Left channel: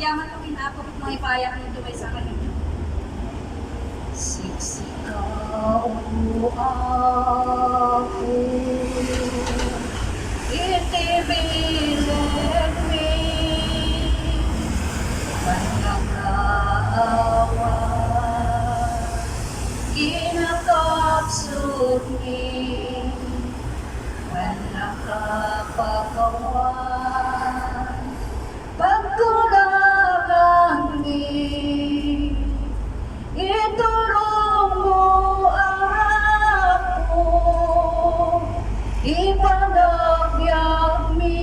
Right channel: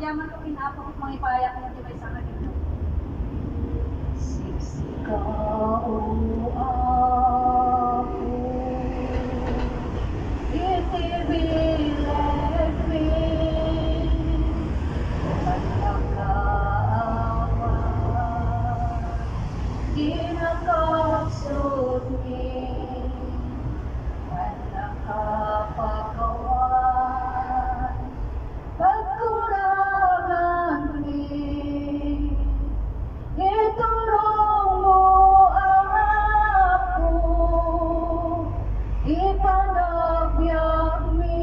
Yaman ko kinapok at mga ipayak na dumay sa kanila. Siksikaw ako, itibilag mi, panagkaawa, ginakapsot mi, panakapagawan, pagkulagan mi, iturong mo ako, ipanagbiag mi,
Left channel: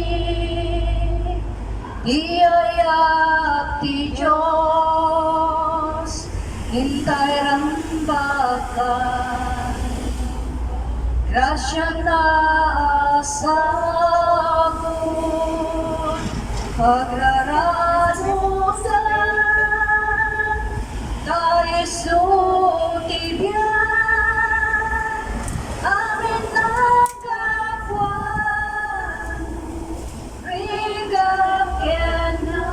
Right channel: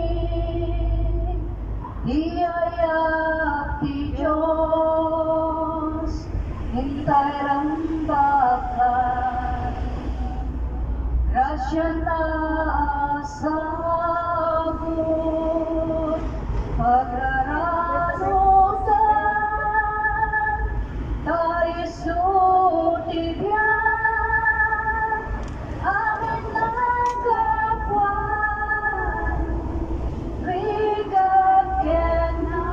iyayat ti Diyos, hintay rambakan, grasya na asagot, pagraranusan, tayo sutibyan, amin ang kapwan, rigag kenangay,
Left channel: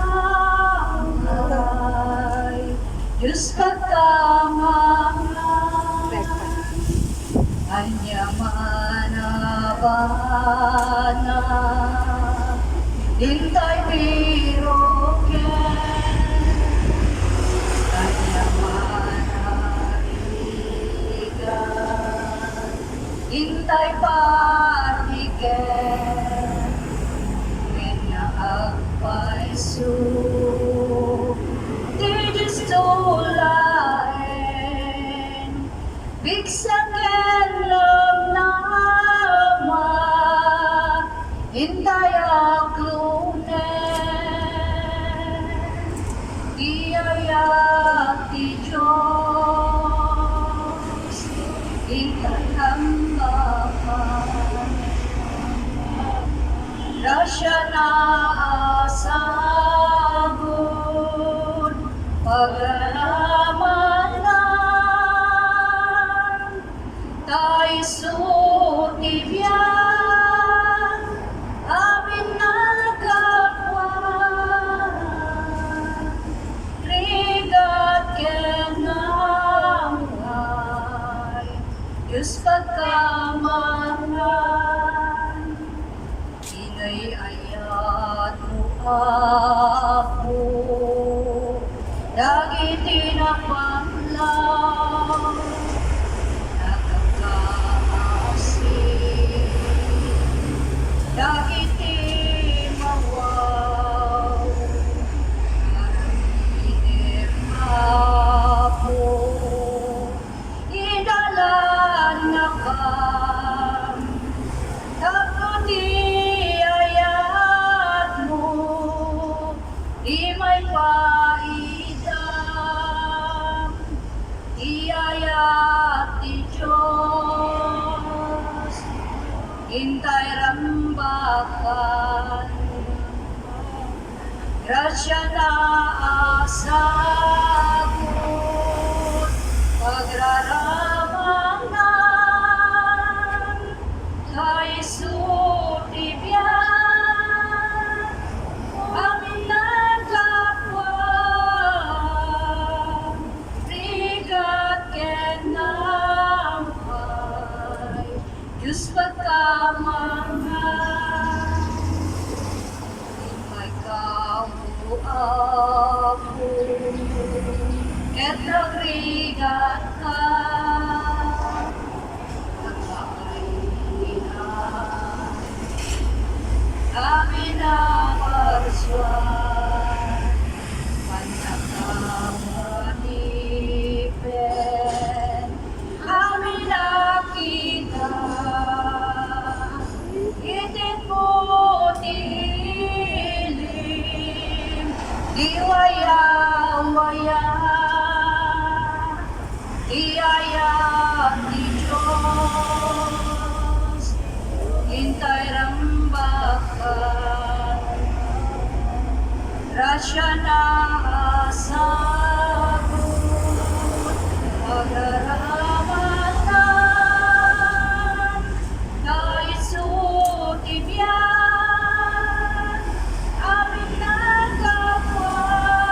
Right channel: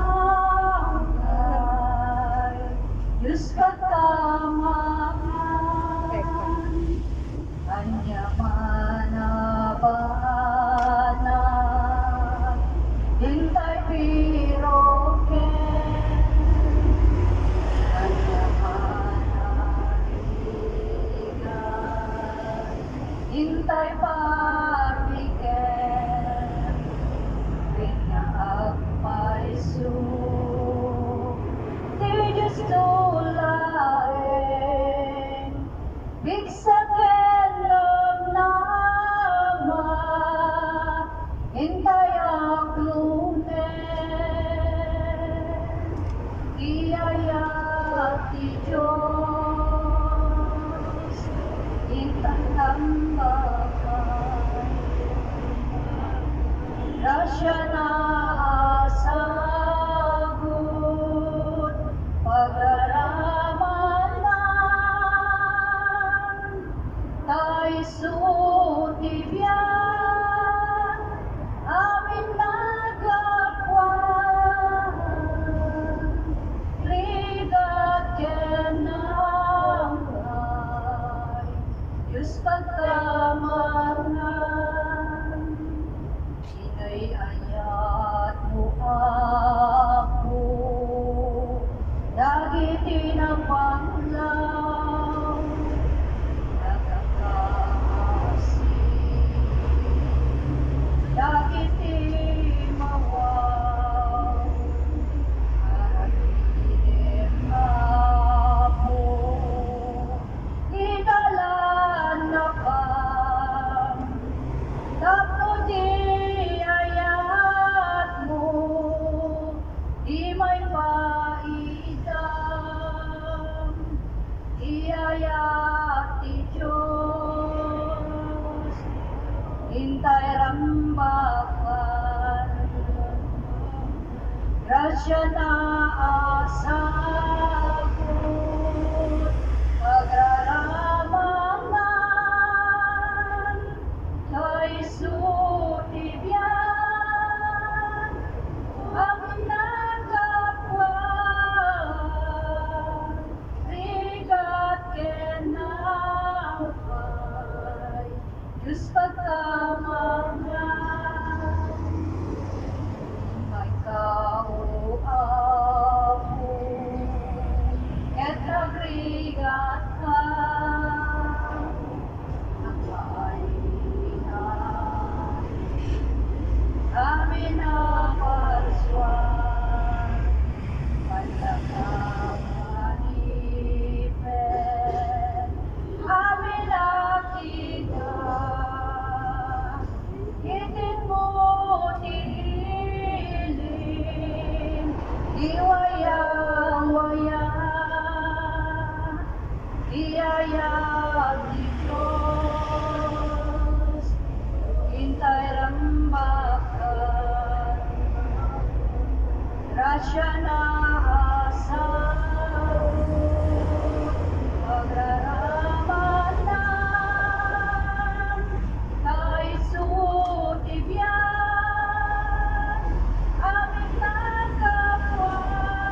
Diyos katamangan, anyaman na bana, hintay piroken, anyaman na rigan, hintay partiken, agpaiso, di Diyos tulain, bigsaken lang nama, hintay aklunen, iyayat ti Diyos, hintay hambakan, grasya na asagot, pag-alamanan, tayo sutibyan, amin na kapwan, rigat kenangay, Diyos pagkamangan, inay-ayat mo ako, dagiti na panglaw, nakakaasig, dagiti mawaw, karaminim ako, idalan na kam, tapos iyayat mo, di may paidam, iyayat ti Diyos, hintay rambakan, grasya na asagot, pagraramanan, tayo sutibyan, amin na kapwan, rigat kenangay, Diyos pagkamangan, hintay kao ako, ket nagrigat ka, nagkainan, amin ang parswan, panagkamanipen, amin nakita, itin mo tilim, diwaya-waya, iyayat ni Diyos, hintay rambakan, grasya na asagot, pagraramanan, tayo sutibyan, amin na kapwan,